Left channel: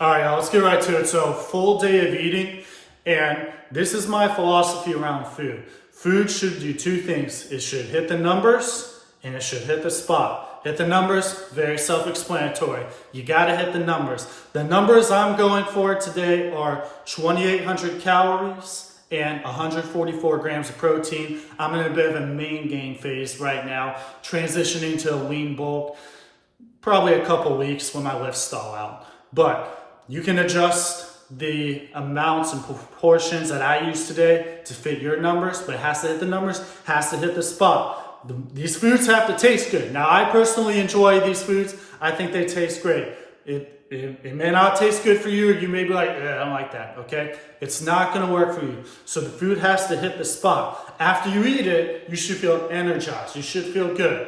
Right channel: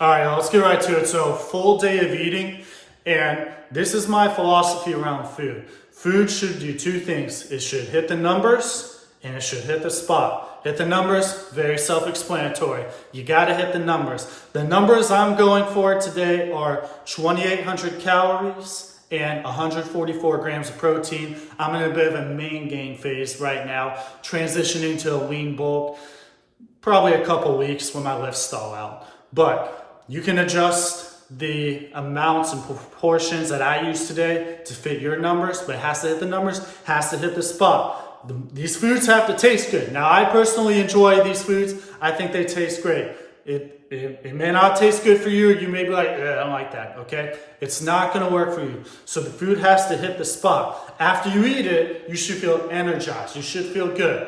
All right, let's get right to it. So, full day of eating, and this is my philosophy around food. Food should do two things. It should hit the numbers, and it should hit the spot. Hit the numbers, very self-explanatory. You gotta hit the numbers. The numbers I'm going for today are 2,800 calories and 144 grams of protein. I'm in a bit of a main gain phase right now, transitioning to a lean bulk, probably a couple weeks when my lifts stall out. But you can adjust the amounts and proportions that I use today to fit your numbers, but it has to hit the numbers, has to hit the spot. These foods have to taste good. Now, I personally enjoy these foods. I think they taste great. It may not taste good for you. You may be like, I don't like that, okay? It's not gonna work for you. So the food has to hit the spot. After you eat it, you should feel energized. You should feel good.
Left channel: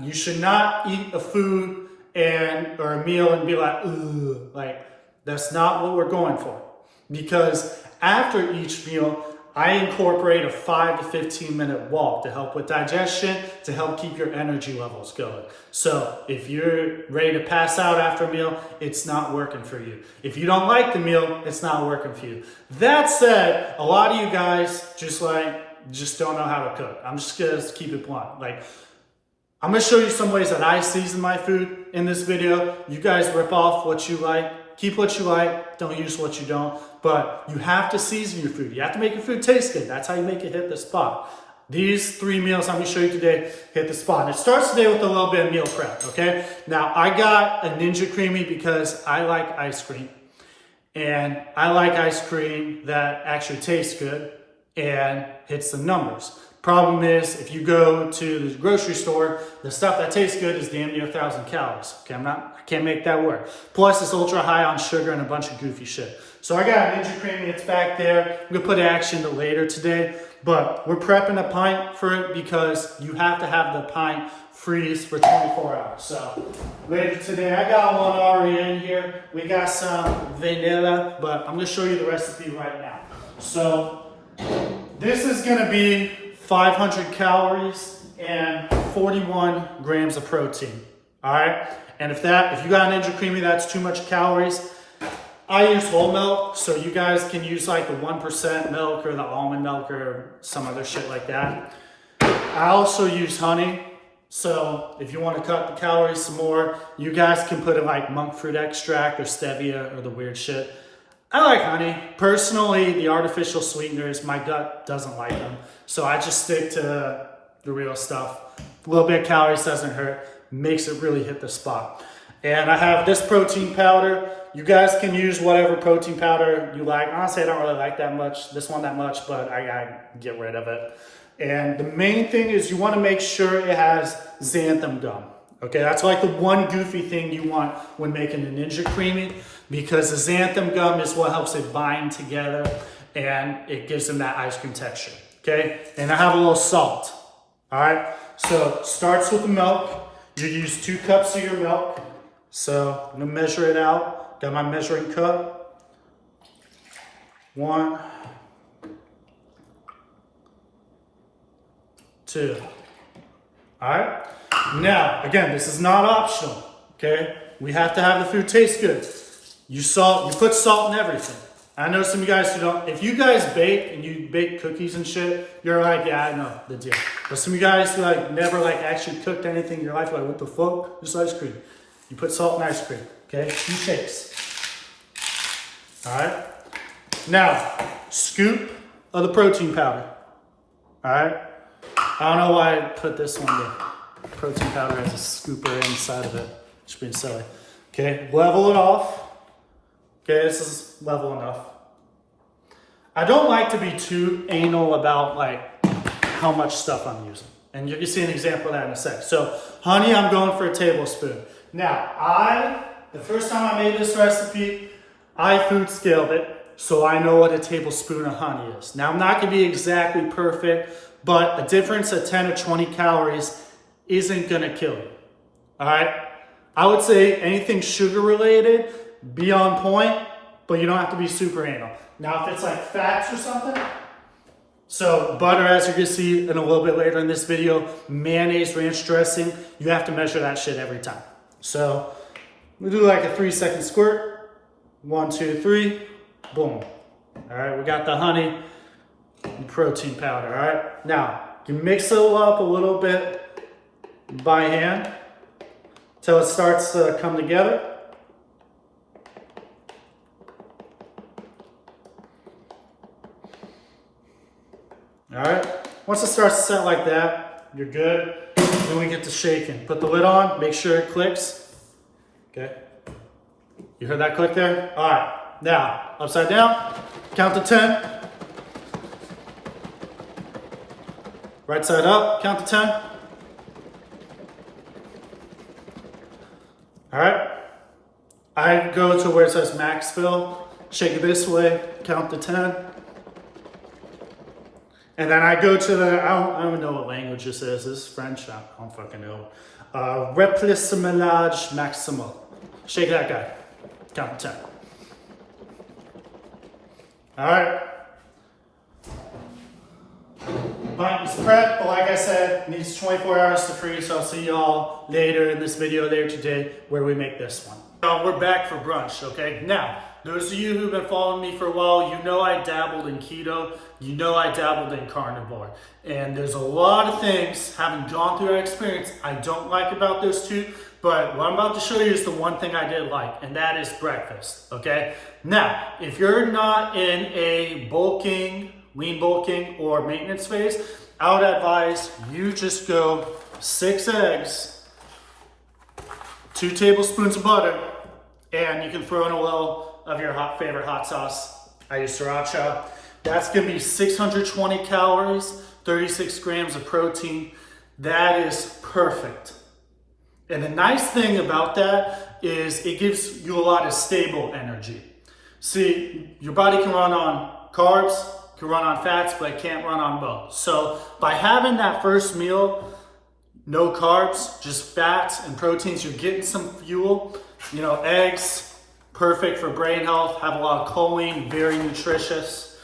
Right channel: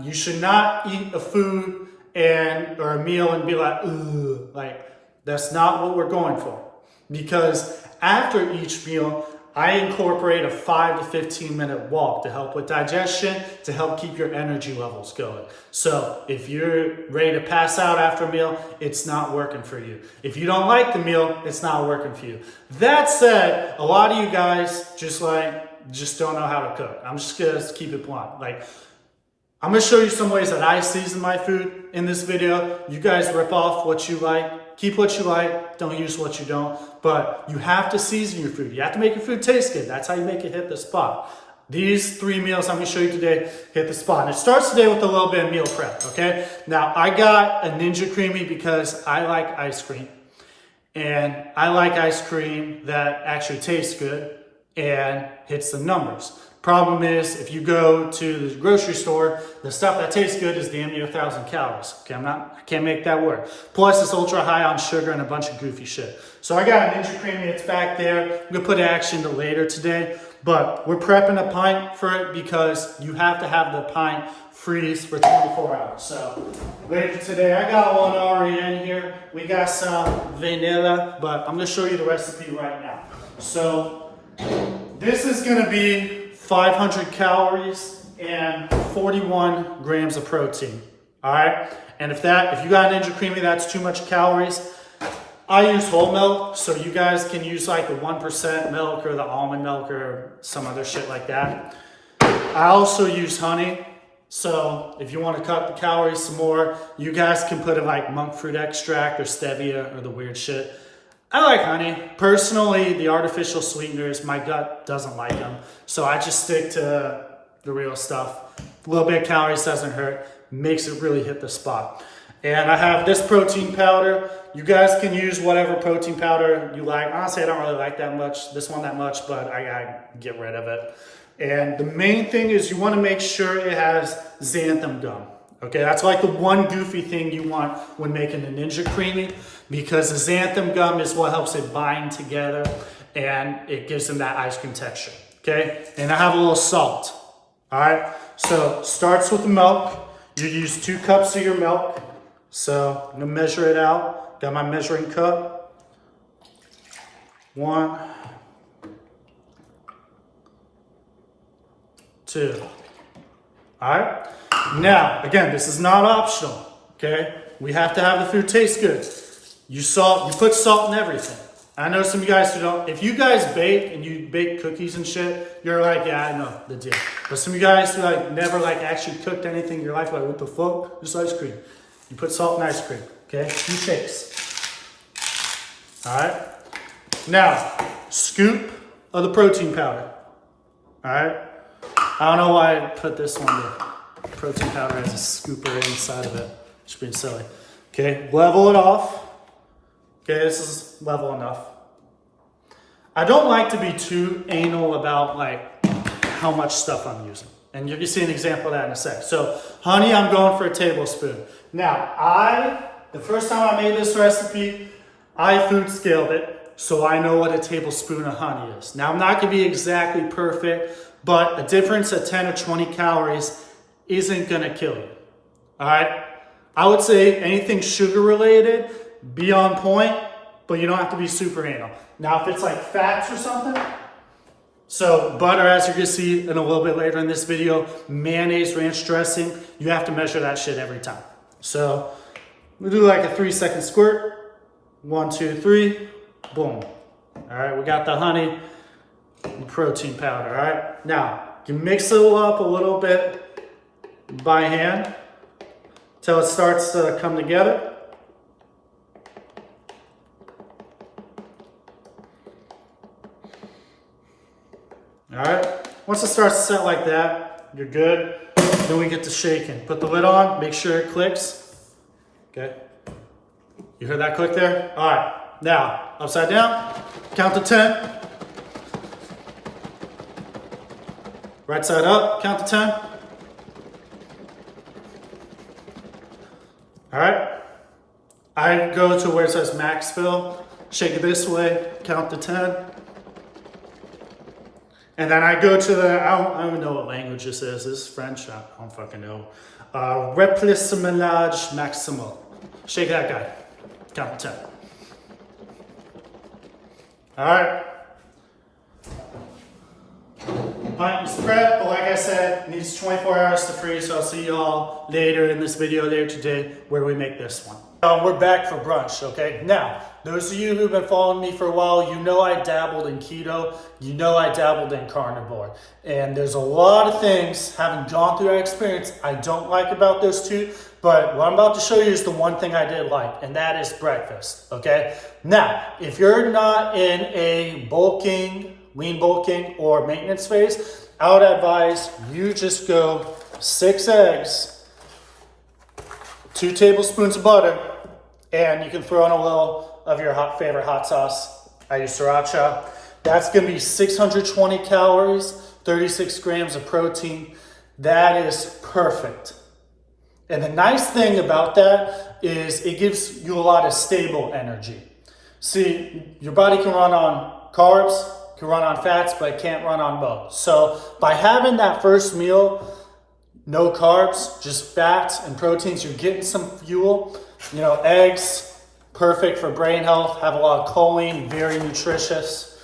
You should not eat a food or a meal and be like, ugh, like that's not what we're going for. Because after each meal, I incorporate a 5 to 15 minute walk to help with digestion, to help keep your energy levels going. So if you're ready to pass out after a meal, it's not working for you. If you don't like the meal, it's not working for you. That said, a lot of you guys just don't know how to cook. I'm just gonna keep it blunt. I'm gonna show you some ways that I season my food in this video. You guys rip off what you like, keep what you like, don't use what you don't, but you have to season your food. You have to make your food taste good. That's how you make it hit the spot. These 3 meals I'm gonna show you today hit the spot. And it starts today with a little bit of meal prep, okay? Now, I got a Ninja Creamy because I like ice cream. And I like ice cream that actually tastes good and hits the numbers. Problem is, if you go to the grocery store, the stuff that tastes good is damn near 1,000 calories. Okay, I can't make that work. Plus, it's ultra high on sugar and a bunch of goofy shit. So I got a Ninja Creamy, it's back there. I'm gonna put action to later today, but we're prepping a pint for it because you have to have the pint freeze for 24 hours. So later today, I got one already in here. We got some vanilla, but I'm gonna show you the recipe right now. So this is gonna be 500 calories and 41 grams of protein. All right. And if you got a Ninja Creamy, that's too much calories. I use whole milk, so you guys can use like the 1% milk or the almond milk or some other shit like that. I also use honey. So if you want to cut the calories some more, you guys can put in like monk fruit extract or stevia or the weird shit. I like honey. Personally, the artificial sweeteners, my gut doesn't like them. So I just stick to the real stuff. A little bit of calories doesn't hurt. Makes it really hit the spot. And I have this protein powder. You guys can use whatever protein powder you like. Honestly, I don't really like this one that much, but I get rid of it. And the main thing is you want to make sure it has xanthan gum. Okay, that's like the one goofy thing you want when making a Ninja Creamy, because the xanthan gum is what helps it bind together and it gives them that ice cream texture. Okay, and I have a little salt. All right, so starts with the milk. You use 2 cups of your milk. So I'm gonna measure it out. Got my measuring cup. 1, 2. All right. Now, again, this is not optional. Okay, we have to have the food taste good. You put salt in everything. I know some of you guys who don't. If you guys bake and you bake cookies and shit, you're like, yeah, I know the deal. But some of you guys who never actually cooked anything in your life, what the fuck? Just ice cream. You put salt in ice cream, okay? 2 takes. All right. Now, scoop of the protein powder. All right. I don't know why I put this one there. Protein powder has a scooper inside of it. Just being silly. Okay, level it off. Okay, this is level enough. I don't like to be too anal about how much stuff I'm using. And you can see an example of that in a sec. So honey, I'm going for a tablespoon. Now, the first time I made this recipe, I food scaled it, so I know what a tablespoon of honey is. Now, I'm not gonna be exactly perfect, but a difference of 10 or 20 calories isn't gonna kill you, all right? I would say anything sugar related, be on point, but you don't have to be super anal. Now, if it's like fats or something, so butter, as you're gonna see in a little bit later in this video, mayonnaise, ranch dressing, you have to measure that shit every time. So we do like a 3-second squirt, 1, 2, 3, boom. All right, we got the honey and protein powder. All right, now you mix it up a little bit by hand till it starts to come together. All right, once it starts to set like that, you're good. Then we get to shaking. Put the lid on, make sure it clicks. Okay, you heard that click there? All right, now upside down, count to 10. Right side up, count to 10. All right, I go to where it says max fill, shake it this way, count to 10. And then I go to the, I don't even know what language this is. This is French, I don't fucking know. Remplissage maximal. Shake that guy, count to 10. All right. Pint is prepped, but like I said, it needs 24 hours to freeze, so I'll see y'all later in this video later today where we make this one. We're back for brunch, okay? Now, those of you who've been following me for a while, you know I dabbled in keto, you know I dabbled in carnivore. And there's a lot of things, having gone through that experience, I don't like about those two, but what I'm about to show you is the one thing I did like, and that is breakfast, okay? Now, if you're not in a lean bulking or maintenance phase, I would advise you just go 6 eggs, 2 tablespoons of butter, and you can throw in a little of your favorite hot sauce. I use sriracha. That's gonna be 620 calories, 36 grams of protein. That is perfect. And the nice thing about that is it gives you a lot of stable energy. See, your body can run on carbs, can run on fats, but it can't run on both. So by having that first meal, no carbs, just fats and proteins, you're getting some fuel. You know, eggs, perfect for brain health, have a lot of choline, very nutritious.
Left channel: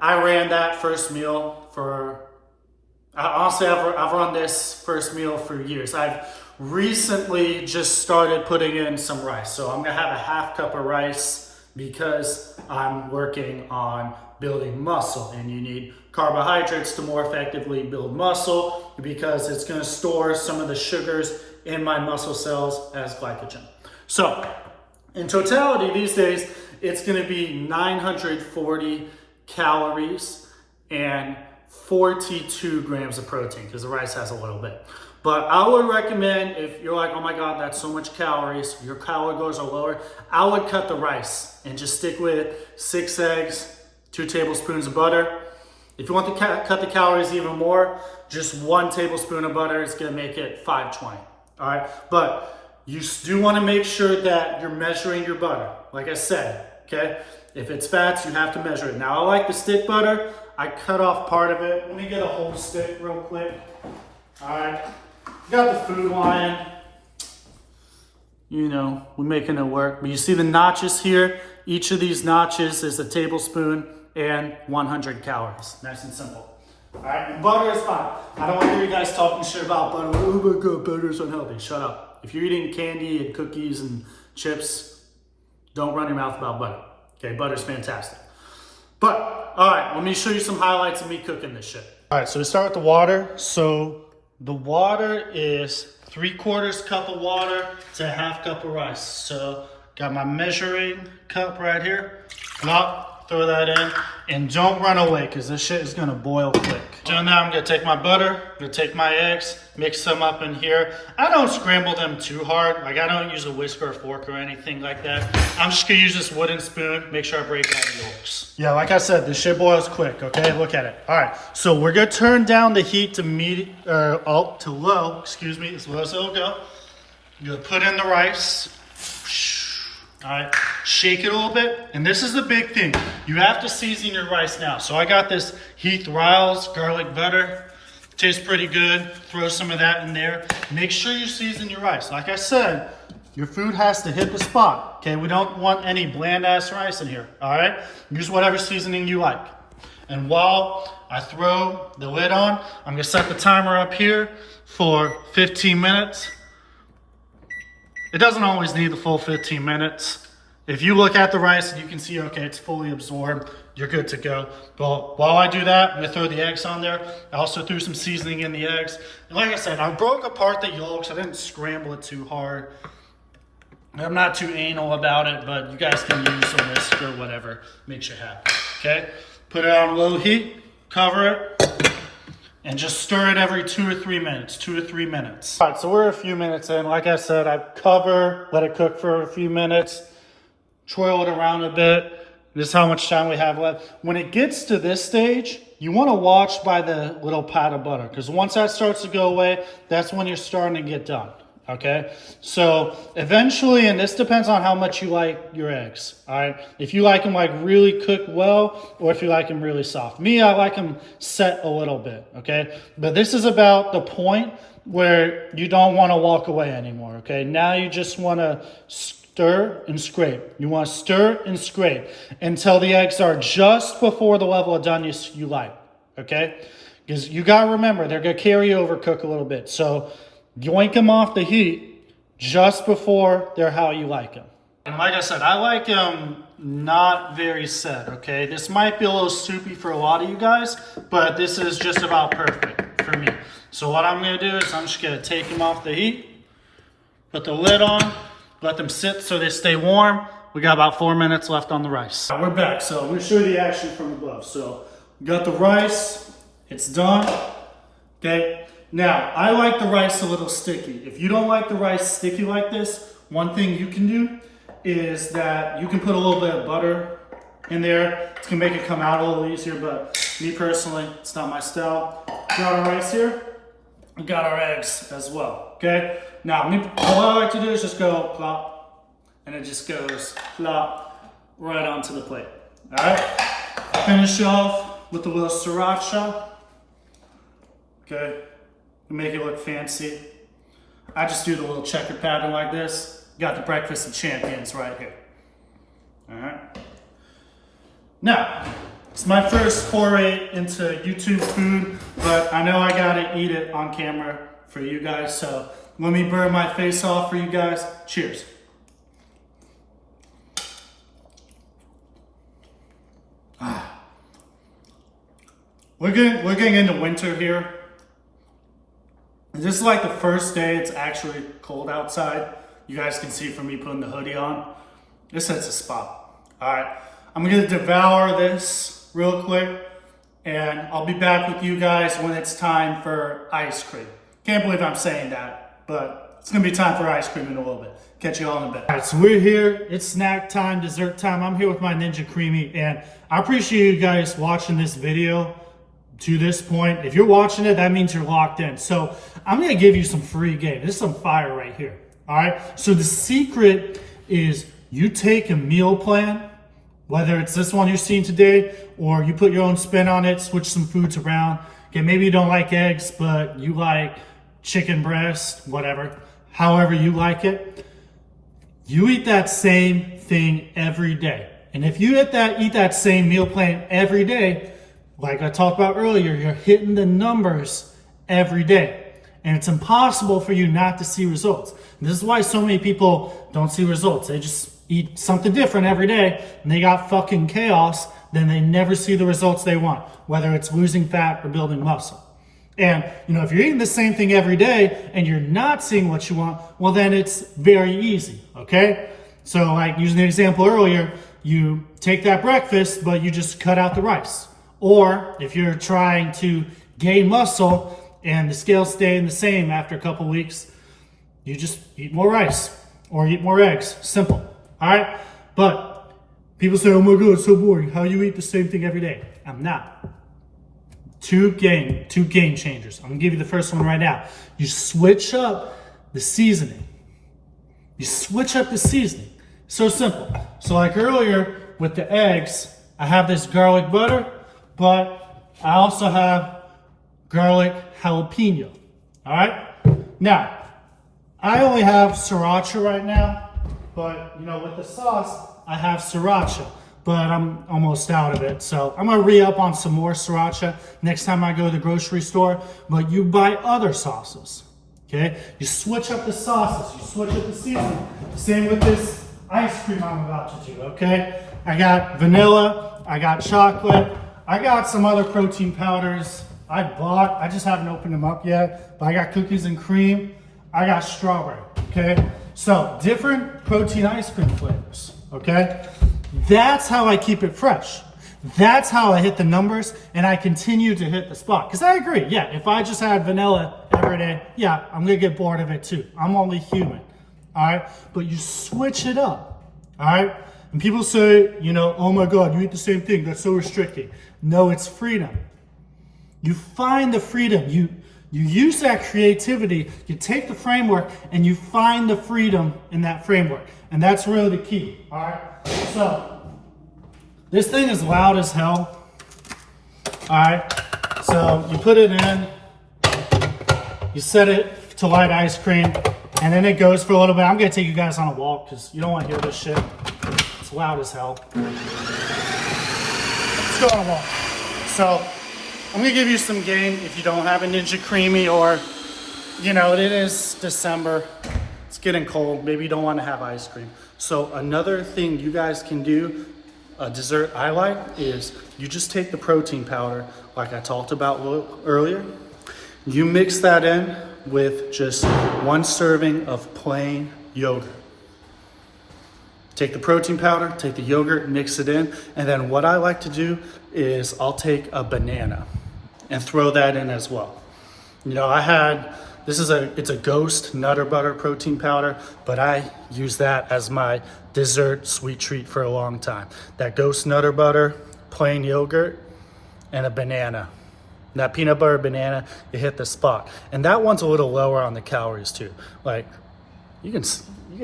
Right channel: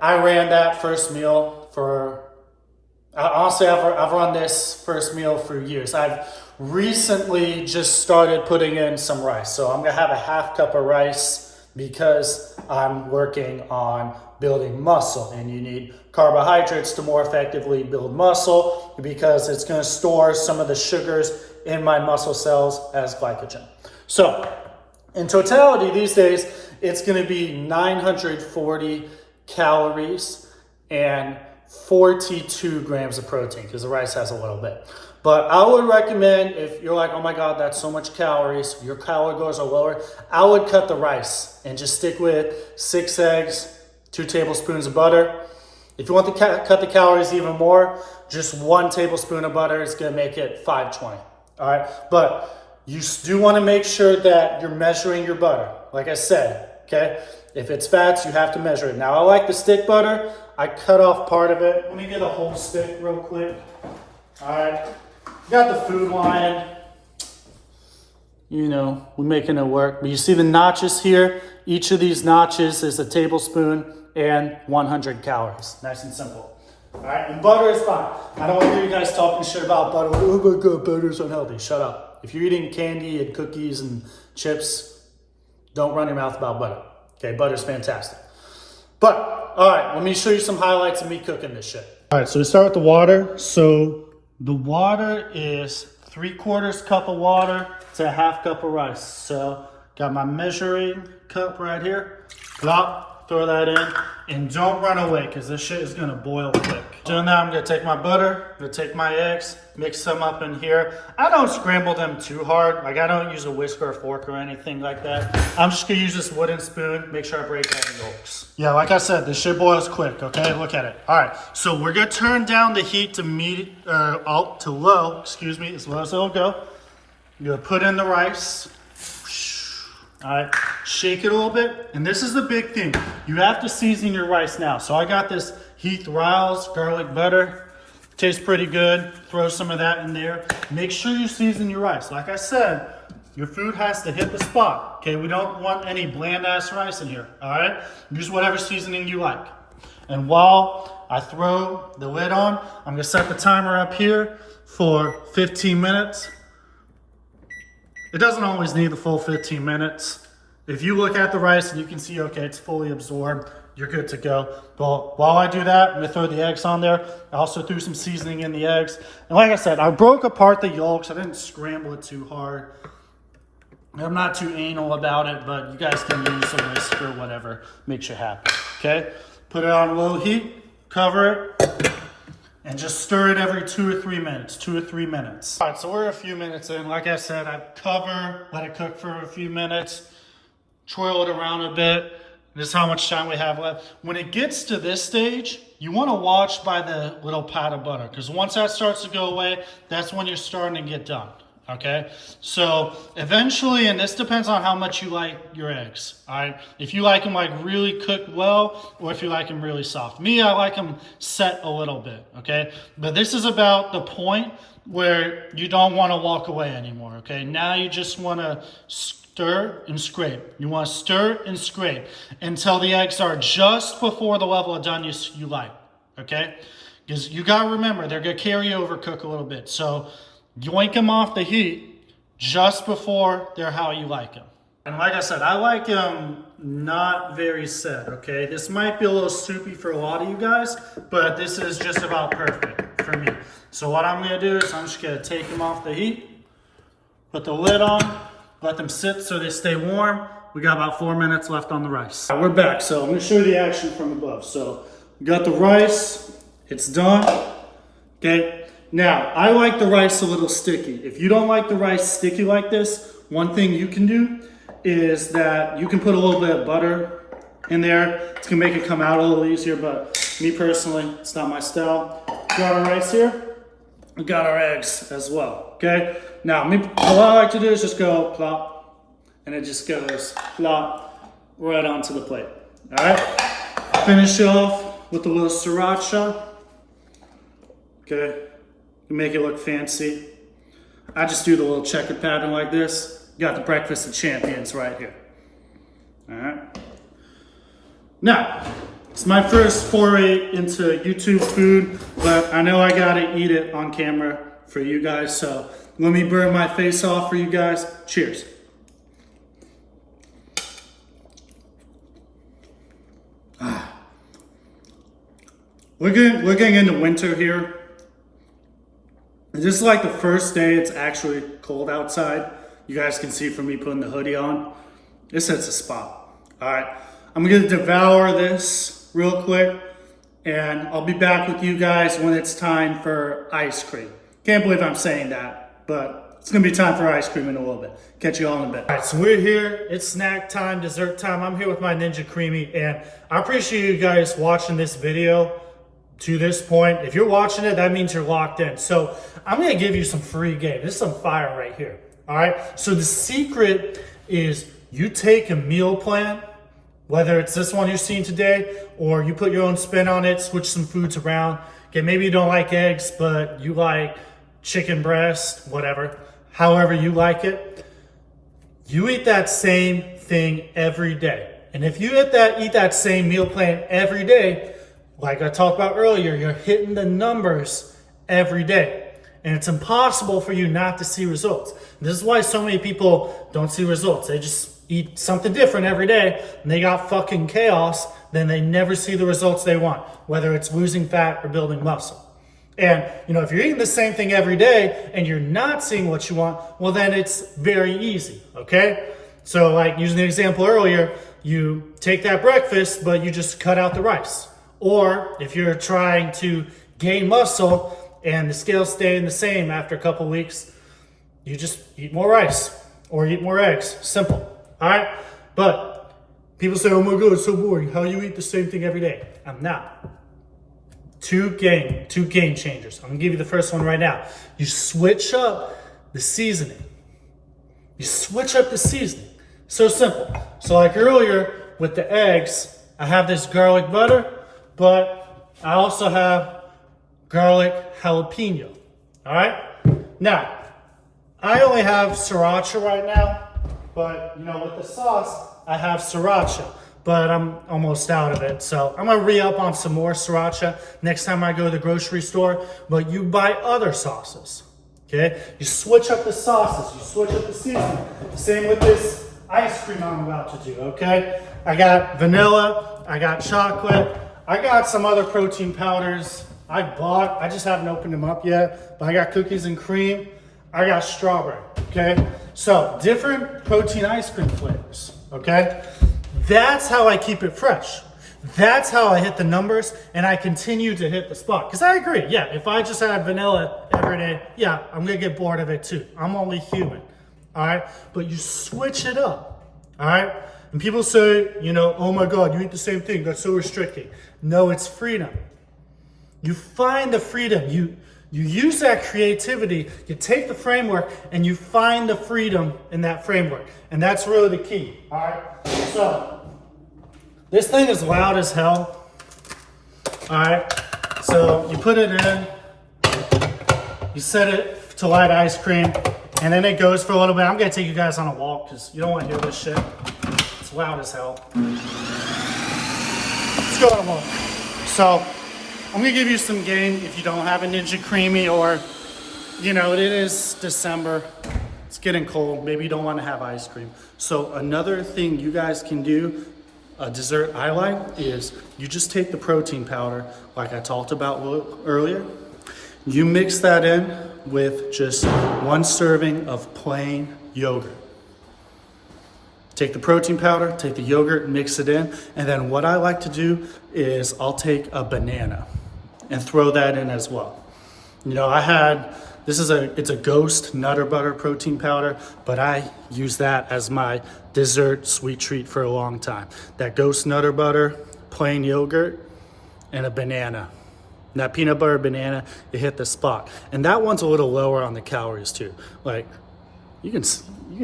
I ran that first meal for, honestly, I've run this first meal for years. I've recently just started putting in some rice. So I'm gonna have a half cup of rice because I'm working on building muscle, and you need carbohydrates to more effectively build muscle because it's going to store some of the sugars in my muscle cells as glycogen. So in totality these days, it's going to be 940 calories and 42 grams of protein because the rice has a little bit. But I would recommend, if you're like, oh my God, that's so much calories, your calorie goals are lower, I would cut the rice and just stick with 6 eggs, 2 tablespoons of butter. If you want to cut the calories even more, just 1 tablespoon of butter is gonna make it 520, all right? But you do wanna make sure that you're measuring your butter. Like I said, okay? If it's fats, you have to measure it. Now I like the stick butter. I cut off part of it. Let me get a whole stick real quick. All right, got the Food Lion. You know, we're making it work. But you see the notches here? Each of these notches is a tablespoon and 100 calories. Nice and simple. All right, and butter is fine. I don't want to hear you guys talking shit about butter. Oh my God, butter's unhealthy. Shut up. If you're eating candy and cookies and chips, don't run your mouth about butter. Okay, butter's fantastic. But, all right, let me show you some highlights of me cooking this shit. All right, so we start with the water. So the water is 3/4 cup of water to a half cup of rice. So got my measuring cup right here. Plop, throw that in, and don't run away because this shit is gonna boil quick. So now I'm gonna take my butter, I'm gonna take my eggs, mix them up in here. I don't scramble them too hard. Like I don't use a whisk or a fork or anything like that. I'm just gonna use this wooden spoon, make sure I break all the yolks. Yeah, like I said, this shit boils quick, okay? Look at it. All right, so we're gonna turn down the heat to to low, excuse me, as low as it'll go. You're gonna put in the rice. All right, shake it a little bit. And this is the big thing. You have to season your rice now. So I got this Heath Riles garlic butter. Tastes pretty good. Throw some of that in there. Make sure you season your rice. Like I said, your food has to hit the spot. Okay, we don't want any bland ass rice in here. All right, use whatever seasoning you like. And while I throw the lid on, I'm gonna set the timer up here for 15 minutes. It doesn't always need the full 15 minutes. If you look at the rice and you can see, okay, it's fully absorbed, you're good to go. But while I do that, I'm gonna throw the eggs on there. I also threw some seasoning in the eggs. And like I said, I broke apart the yolks. I didn't scramble it too hard. I'm not too anal about it, but you guys can use a whisk or whatever makes you happy, okay? Put it on low heat, cover it, and just stir it every 2 or 3 minutes, 2 or 3 minutes. All right, so we're a few minutes in. Like I said, I cover, let it cook for a few minutes, twirl it around a bit. This is how much time we have left. When it gets to this stage, you want to watch by the little pat of butter, because once that starts to go away, that's when you're starting to get done. Okay, so eventually, and this depends on how much you like your eggs, all right? If you like them like really cooked well, or if you like them really soft. Me, I like them set a little bit, okay? But this is about the point where you don't want to walk away anymore, okay? Now you just want to stir and scrape. You want to stir and scrape until the eggs are just before the level of doneness you like, okay? Because you got to remember, they're going to carry over, cook a little bit. So yoink them off the heat just before they're how you like them. And like I said, I like them not very set, okay? This might be a little soupy for a lot of you guys, but this is just about perfect for me. So what I'm gonna do is I'm just gonna take them off the heat, put the lid on, let them sit so they stay warm. We got about 4 minutes left on the rice. All right, we're back, so I'm gonna show you the action from above. So we got the rice, it's done, okay? Now, I like the rice a little sticky. If you don't like the rice sticky like this, one thing you can do is that you can put a little bit of butter in there. It's gonna make it come out a little easier, but me personally, it's not my style. Got our rice here, we got our eggs as well, okay? Now, what I like to do is just go plop, and it just goes plop right onto the plate, all right? Finish off with a little sriracha, okay? Make it look fancy. I just do the little checkered pattern like this. Got the breakfast of champions right here. All right. Now, it's my first foray into YouTube food, but I know I gotta eat it on camera for you guys. So let me burn my face off for you guys. Cheers. We're getting into winter here. This is like the first day it's actually cold outside. You guys can see from me putting the hoodie on. This hits a spot. All right, I'm gonna devour this real quick, and I'll be back with you guys when it's time for ice cream. Can't believe I'm saying that, but it's gonna be time for ice cream in a little bit. Catch you all in a bit. All right, so we're here. It's snack time, dessert time. I'm here with my Ninja Creamy, and I appreciate you guys watching this video to this point. If you're watching it, that means you're locked in. So I'm gonna give you some free game. This is some fire right here, all right? So the secret is you take a meal plan, whether it's this one you're seeing today, or you put your own spin on it, switch some foods around. Okay, maybe you don't like eggs, but you like chicken breast, whatever, however you like it. You eat that same thing every day. And if you eat that same meal plan every day, like I talked about earlier, you're hitting the numbers every day. And it's impossible for you not to see results. And this is why so many people don't see results. They just eat something different every day, and they got fucking chaos, then they never see the results they want, whether it's losing fat or building muscle. And, if you're eating the same thing every day and you're not seeing what you want, well, then it's very easy, okay? So, like using the example earlier, you take that breakfast, but you just cut out the rice. Or if you're trying to gain muscle and the scale's staying the same after a couple weeks, you just eat more rice or eat more eggs. Simple. All right? But people say, oh my God, it's so boring. How do you eat the same thing every day? I'm not. Two game changers. I'm gonna give you the first one right now. You switch up the seasoning. So simple. So like earlier with the eggs, I have this garlic butter, but I also have garlic jalapeno. All right? Now, I only have sriracha right now, but with the sauce, I have sriracha, but I'm almost out of it. So I'm gonna re-up on some more sriracha next time I go to the grocery store, but you buy other sauces, okay? You switch up the sauces, you switch up the seasoning. Same with this ice cream I'm about to do, okay? I got vanilla, I got chocolate, I got some other protein powders I just haven't opened them up yet, but I got cookies and cream, I got strawberry, okay? So different protein ice cream flavors, okay? That's how I keep it fresh. That's how I hit the numbers and I continue to hit the spot. Because I agree, yeah, if I just had vanilla every day, yeah, I'm gonna get bored of it too. I'm only human, all right? But you switch it up, all right? And people say, you know, oh my God, you eat the same thing, that's so restricting. No, it's freedom. You find the freedom, you use that creativity, you take the framework and you find the freedom in that framework. And that's really the key, all right? So, this thing is loud as hell, all right? So you put it in, you set it to light ice cream, and then it goes for a little bit. I'm gonna take you guys on a walk because you don't wanna hear this shit. It's loud as hell. Let's go on a walk. So I'm gonna give you some game if you don't have a Ninja Creamy or, you know, it is December. It's getting cold. Maybe you don't wanna have ice cream. So another thing you guys can do, a dessert I like, is you just take the protein powder, like I talked about earlier. You mix that in with just 1 serving of plain yogurt. Take the protein powder, take the yogurt, mix it in, and then what I like to do is I'll take a banana and throw that in as well. You know, it's a Ghost Nutter Butter protein powder, but I use that as my dessert sweet treat for a long time. That Ghost Nutter Butter, plain yogurt, and a banana. And that peanut butter banana, it hit the spot. And that one's a little lower on the calories too. Like, you can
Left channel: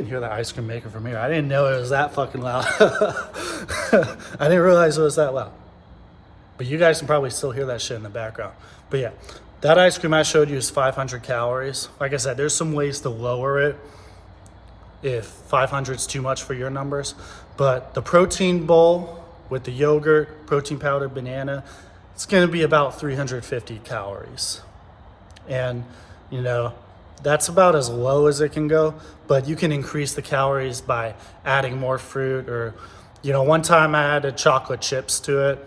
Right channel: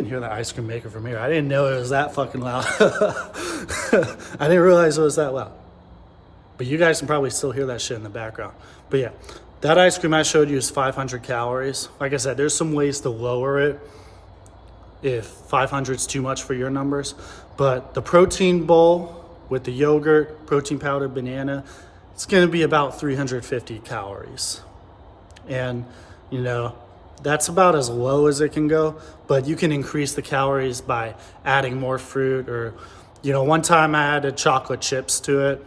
hear the ice cream maker from here. I didn't know it was that fucking loud. I didn't realize it was that loud. But you guys can probably still hear that shit in the background. But yeah, that ice cream I showed you is 500 calories. Like I said, there's some ways to lower it if 500 is too much for your numbers. But the protein bowl with the yogurt, protein powder, banana, it's gonna be about 350 calories. And, you know, that's about as low as it can go, but you can increase the calories by adding more fruit or, you know, one time I added chocolate chips to it.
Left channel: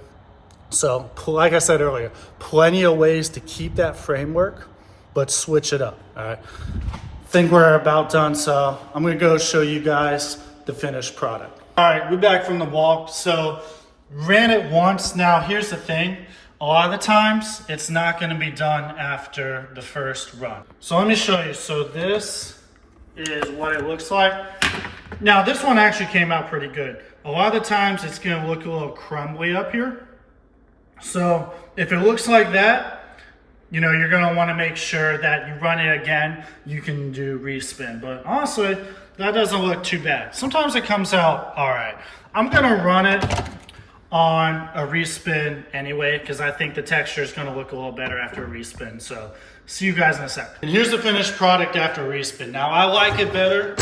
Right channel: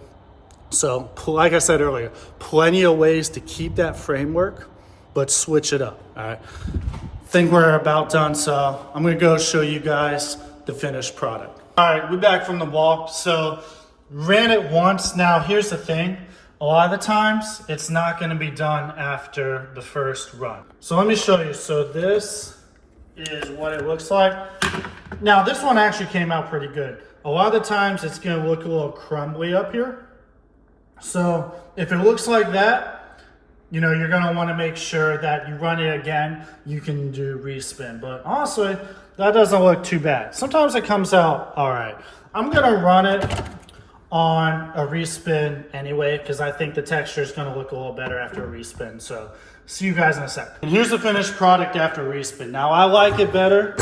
So, like I said earlier, plenty of ways to keep that framework, but switch it up, all right? I think we're about done, so I'm gonna go show you guys the finished product. All right, we're back from the walk. So, ran it once. Now, here's the thing. A lot of the times, it's not gonna be done after the first run. So let me show you. So this is what it looks like. Now, this one actually came out pretty good. A lot of the times, it's gonna look a little crumbly up here. So if it looks like that, you know, you're gonna wanna make sure that you run it again, you can do respin. But honestly, that doesn't look too bad. Sometimes it comes out all right. I'm gonna run it on a respin anyway, because I think the texture is gonna look a little better after a respin. So see you guys in a sec. And here's the finished product after respin. Now I like it better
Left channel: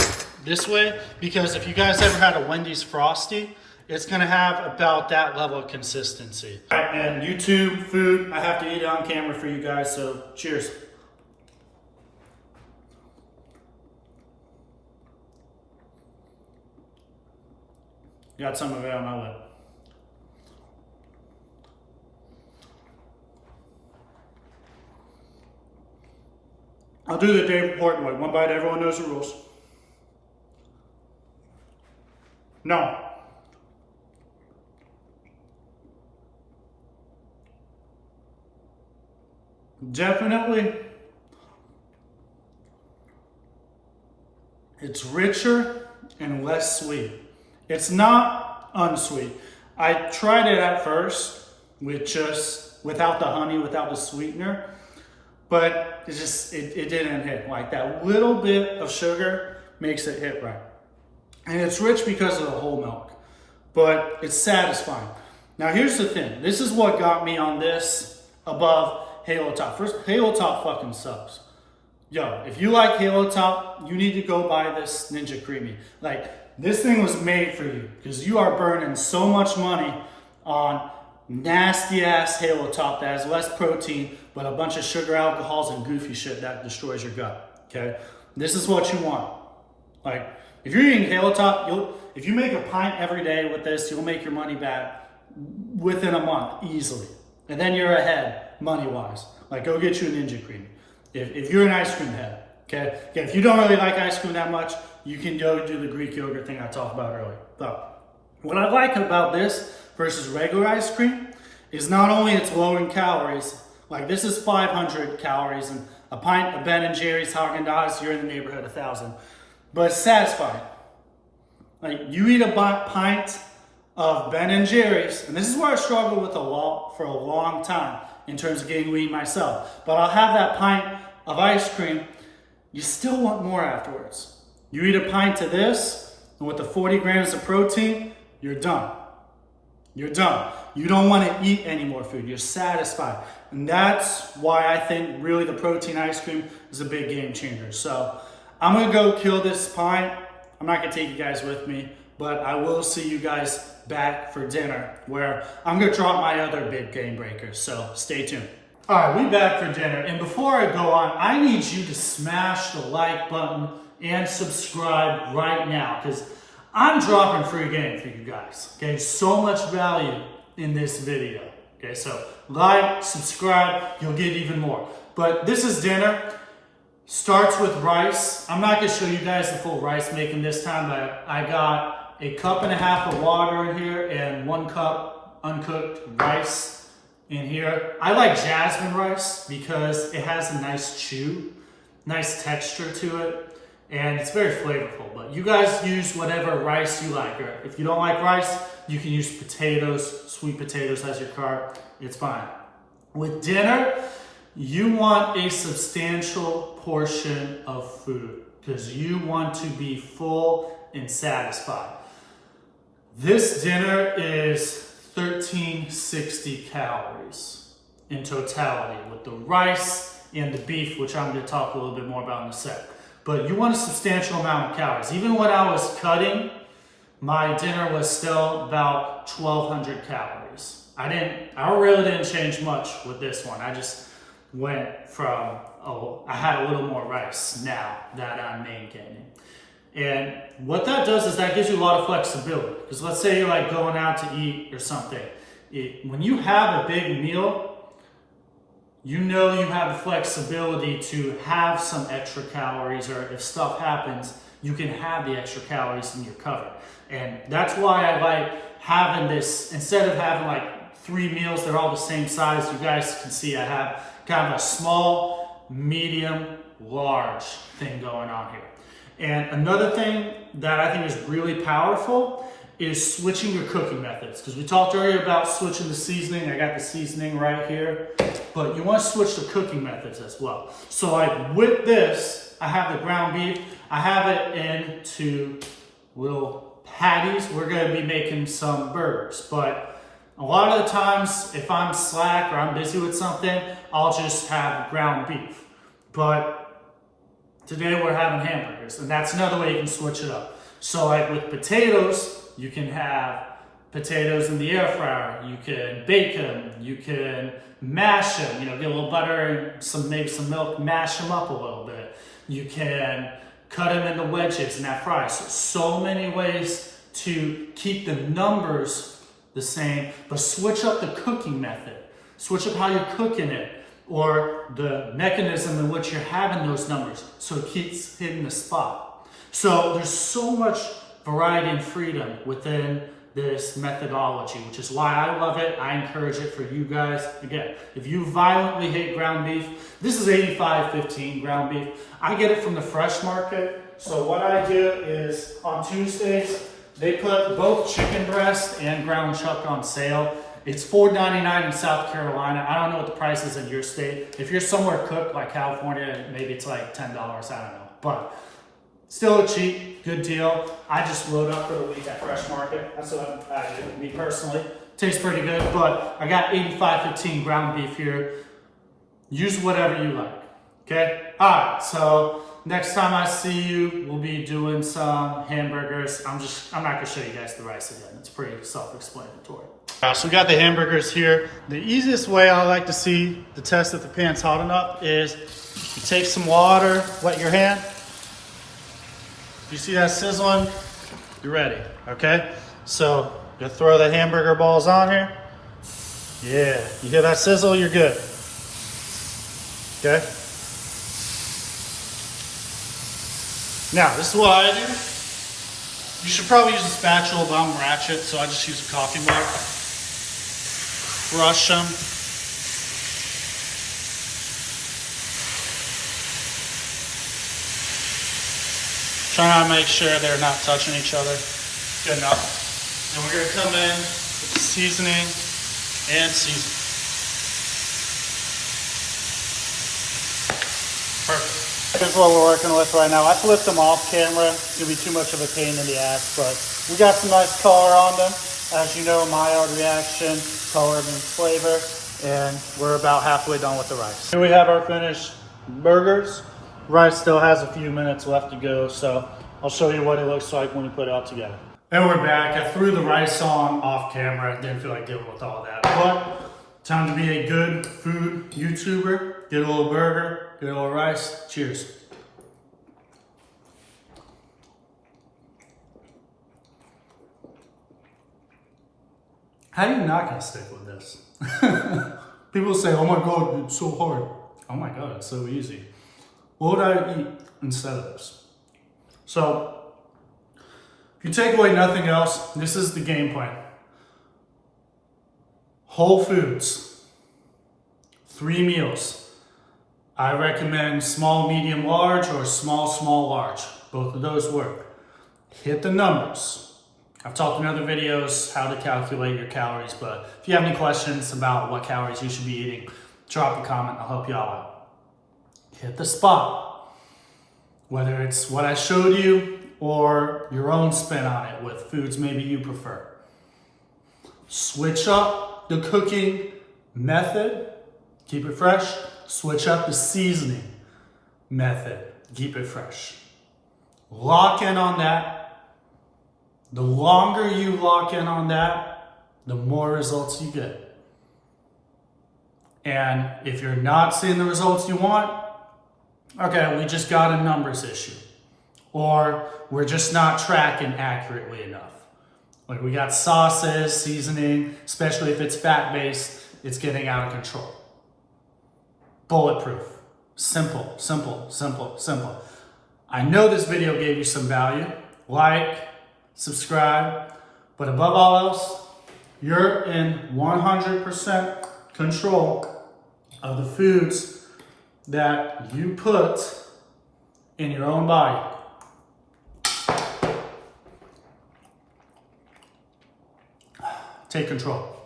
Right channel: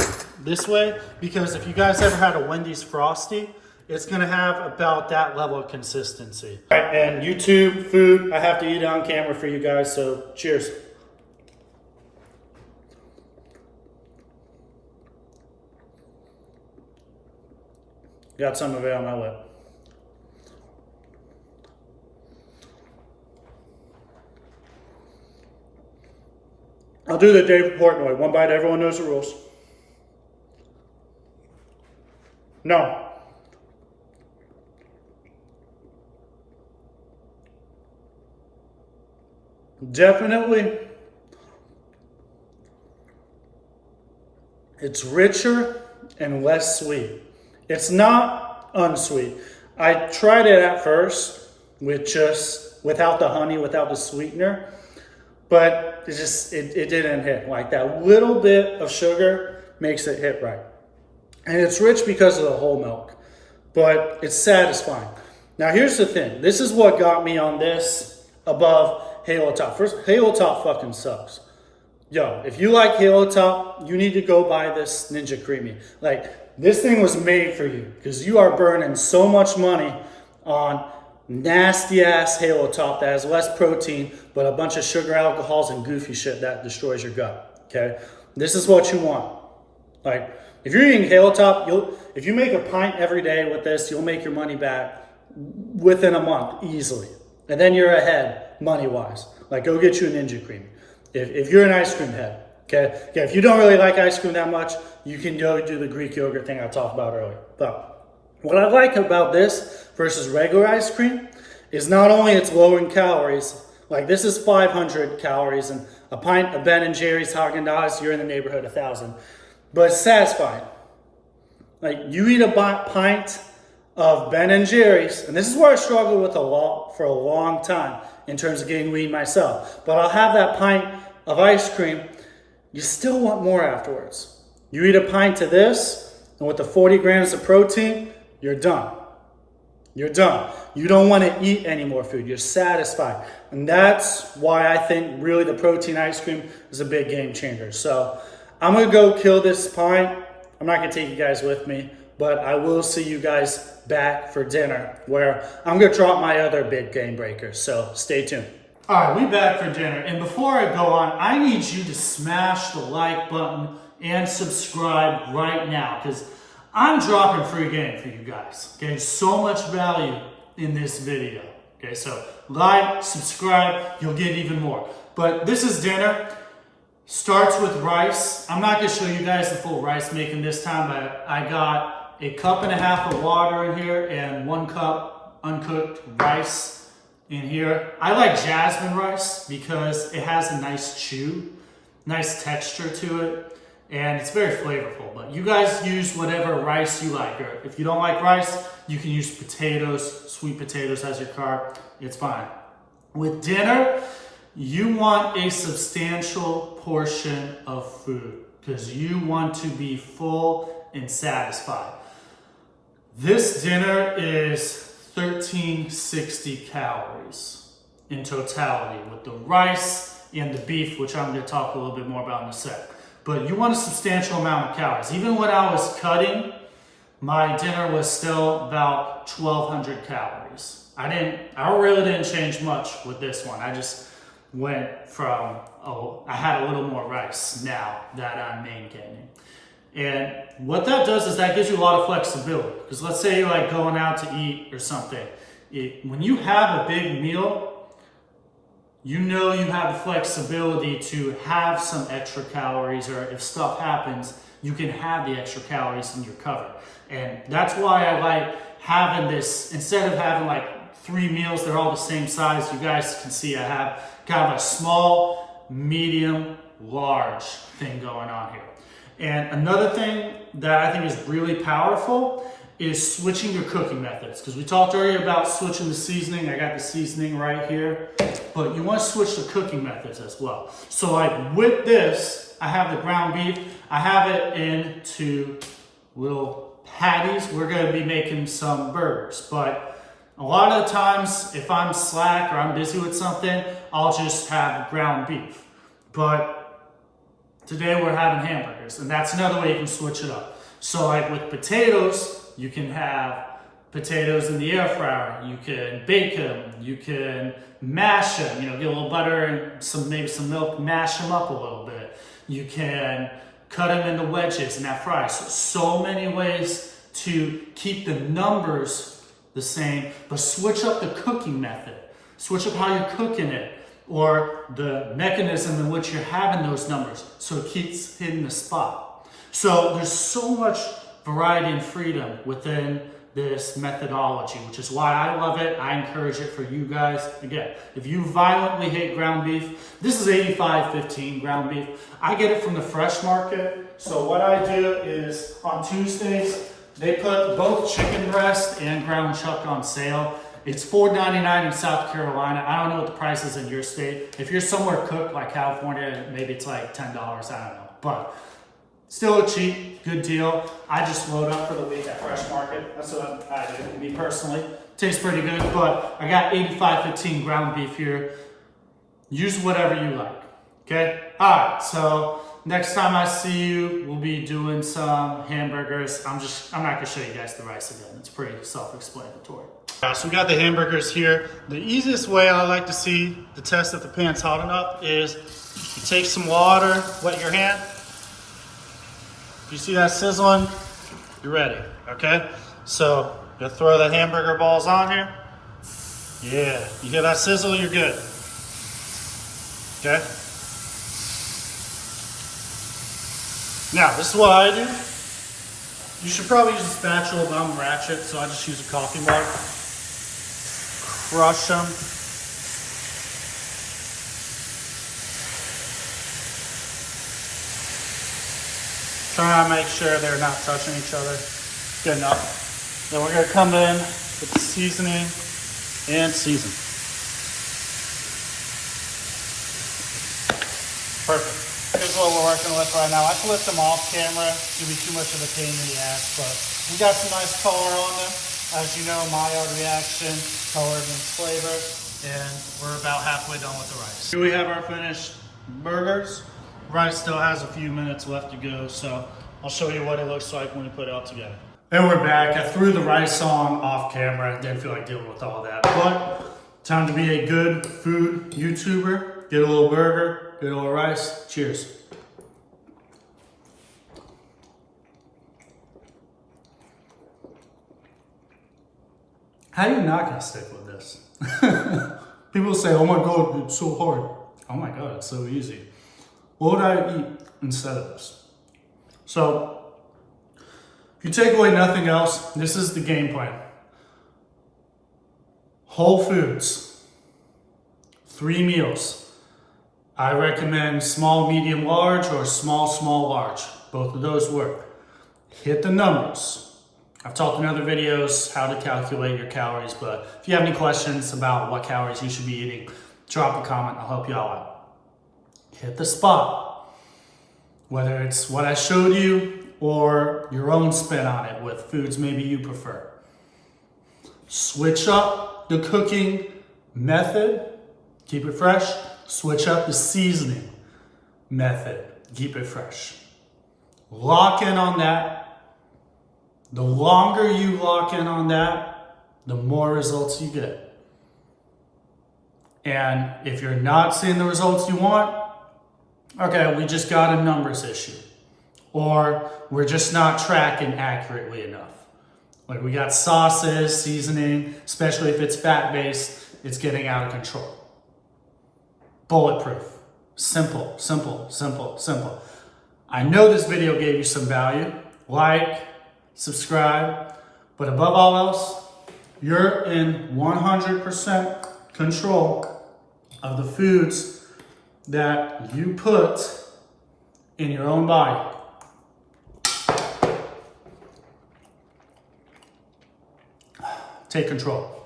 this way because if you guys ever had a Wendy's Frosty, it's gonna have about that level of consistency. All right, and YouTube food, I have to eat it on camera for you guys, so cheers. Got some of it on my lip. I'll do the Dave Portnoy. One bite, everyone knows the rules. No. Definitely, it's richer and less sweet. It's not unsweet. I tried it at first with just without the honey, without the sweetener, but it didn't hit. Like that little bit of sugar makes it hit right. And it's rich because of the whole milk, but it's satisfying. Now here's the thing. This is what got me on this above Halo Top. First, Halo Top fucking sucks. Yo, if you like Halo Top, you need to go buy this Ninja Creamy. Like, this thing was made for you because you are burning so much money on nasty ass Halo Top that has less protein, but a bunch of sugar, alcohols, and goofy shit that destroys your gut, okay? This is what you want. Like, If you're eating Hilltop, if you make a pint every day with this, you'll make your money back within a month easily. And then you're ahead money-wise. Like, go get you a Ninja Cream. If you're an ice cream head, okay? Yeah, if you don't really like ice cream that much, you can go do the Greek yogurt thing I talked about earlier. But what I like about this versus regular ice cream is not only it's low in calories, like this is 500 calories, and a pint of Ben & Jerry's Haagen-Dazs, you're in the neighborhood of 1,000. But it's satisfying. Like, you eat a pint of Ben & Jerry's, and this is where I struggled with for a long time in terms of getting lean myself. But I'll have that pint of ice cream, you still want more afterwards. You eat a pint of this, and with the 40 grams of protein, you're done. You're done. You don't want to eat any more food. You're satisfied. And that's why I think really the protein ice cream is a big game changer. So I'm going to go kill this pint. I'm not going to take you guys with me, but I will see you guys back for dinner where I'm going to drop my other big game breakers. So stay tuned. All right, we back for dinner. And before I go on, I need you to smash the like button and subscribe right now, because I'm dropping free game for you guys. Okay, so much value in this video. Okay, so like, subscribe, you'll get even more. But this is dinner. Starts with rice. I'm not going to show you guys the full rice making this time, but I got a cup and a half of water in here and 1 cup uncooked rice in here. I like jasmine rice because it has a nice chew, nice texture to it, and it's very flavorful. But you guys use whatever rice you like, or if you don't like rice, you can use potatoes, sweet potatoes as your carb. It's fine. With dinner, you want a substantial portion of food because you want to be full and satisfied. This dinner is 1360 calories in totality with the rice and the beef, which I'm going to talk a little bit more about in a sec. But you want a substantial amount of calories. Even when I was cutting, my dinner was still about 1,200 calories. I really didn't change much with this one. I just went from, I had a little more rice now that I'm maintaining. And what that does is that gives you a lot of flexibility. Because let's say you're like going out to eat or something. When you have a big meal, you know you have the flexibility to have some extra calories, or if stuff happens, you can have the extra calories and you're covered. And that's why I like having this, instead of having like 3 meals, they're all the same size. You guys can see I have kind of a small, medium, large thing going on here. And another thing that I think is really powerful is switching your cooking methods. Because we talked earlier about switching the seasoning. I got the seasoning right here. But you want to switch the cooking methods as well. So like with this, I have the ground beef. I have it into little patties. We're going to be making some burgers. But a lot of the times, if I'm slack or I'm busy with something, I'll just have ground beef. But today we're having hamburgers, and that's another way you can switch it up. So like with potatoes, you can have potatoes in the air fryer. You can bake them. You can mash them. You know, get a little butter and maybe some milk, mash them up a little bit. You can cut them into wedges and that fry. So many ways to keep the numbers the same, but switch up the cooking method. Switch up how you're cooking it, or the mechanism in which you're having those numbers, so it keeps hitting the spot. So there's so much variety and freedom within this methodology, which is why I love it. I encourage it for you guys. Again, if you violently hate ground beef, this is 85-15 ground beef. I get it from the fresh market. So what I do is on Tuesdays, they put both chicken breast and ground chuck on sale. It's $4.99 in South Carolina. I don't know what the price is in your state. If you're somewhere cooked like California, maybe it's like $10. I don't know. But still a cheap, good deal. I just load up for the week at Fresh Market. That's what I do, me personally. Tastes pretty good, but I got 85-15 ground beef here. Use whatever you like, okay? All right, so next time I see you, we'll be doing some hamburgers. I'm not gonna show you guys the rice again. It's pretty self-explanatory. So we got the hamburgers here. The easiest way I like to see to test if the pan's hot enough is you take some water, wet your hand, You see that sizzling? You're ready, okay? So, you throw the hamburger balls on here. Yeah, you hear that sizzle? You're good. Okay? Now, this is what I do. You should probably use a spatula, but I'm ratchet, so I just use a coffee mug. Crush them. Try to make sure they're not touching each other. Good enough. Then we're going to come in with the seasoning and season. Perfect. Here's what we're working with right now. I flipped them off camera. It's going to be too much of a pain in the ass, but we got some nice color on them. As you know, Maillard reaction, color means flavor, and we're about halfway done with the rice. Here we have our finished burgers. Rice still has a few minutes left to go, so I'll show you what it looks like when you put it all together. And we're back. I threw the rice on off camera. Didn't feel like dealing with all that. But time to be a good food YouTuber. Get a little burger, get a little rice. Cheers. How are you not gonna stick with this? People say, oh my God, it's so hard. Oh my God, it's so easy. What would I eat instead of this? So, if you take away nothing else, this is the game plan. Whole foods, 3 meals. I recommend small, medium, large, or small, small, large. Both of those work. Hit the numbers. I've talked in other videos how to calculate your calories, but if you have any questions about what calories you should be eating, drop a comment, I'll help you all out. Hit the spot. Whether it's what I showed you or your own spin on it with foods maybe you prefer. Switch up the cooking method, keep it fresh. Switch up the seasoning method, keep it fresh. Lock in on that. The longer you lock in on that, the more results you get. And if you're not seeing the results you want, okay, we just got a numbers issue. Or we're just not tracking accurately enough. Like we got sauces, seasoning, especially if it's fat-based, it's getting out of control. Bulletproof. Simple, simple, simple, simple. I know this video gave you some value. Like, subscribe, but above all else, you're in 100% control of the foods that you put in your own body. Take control.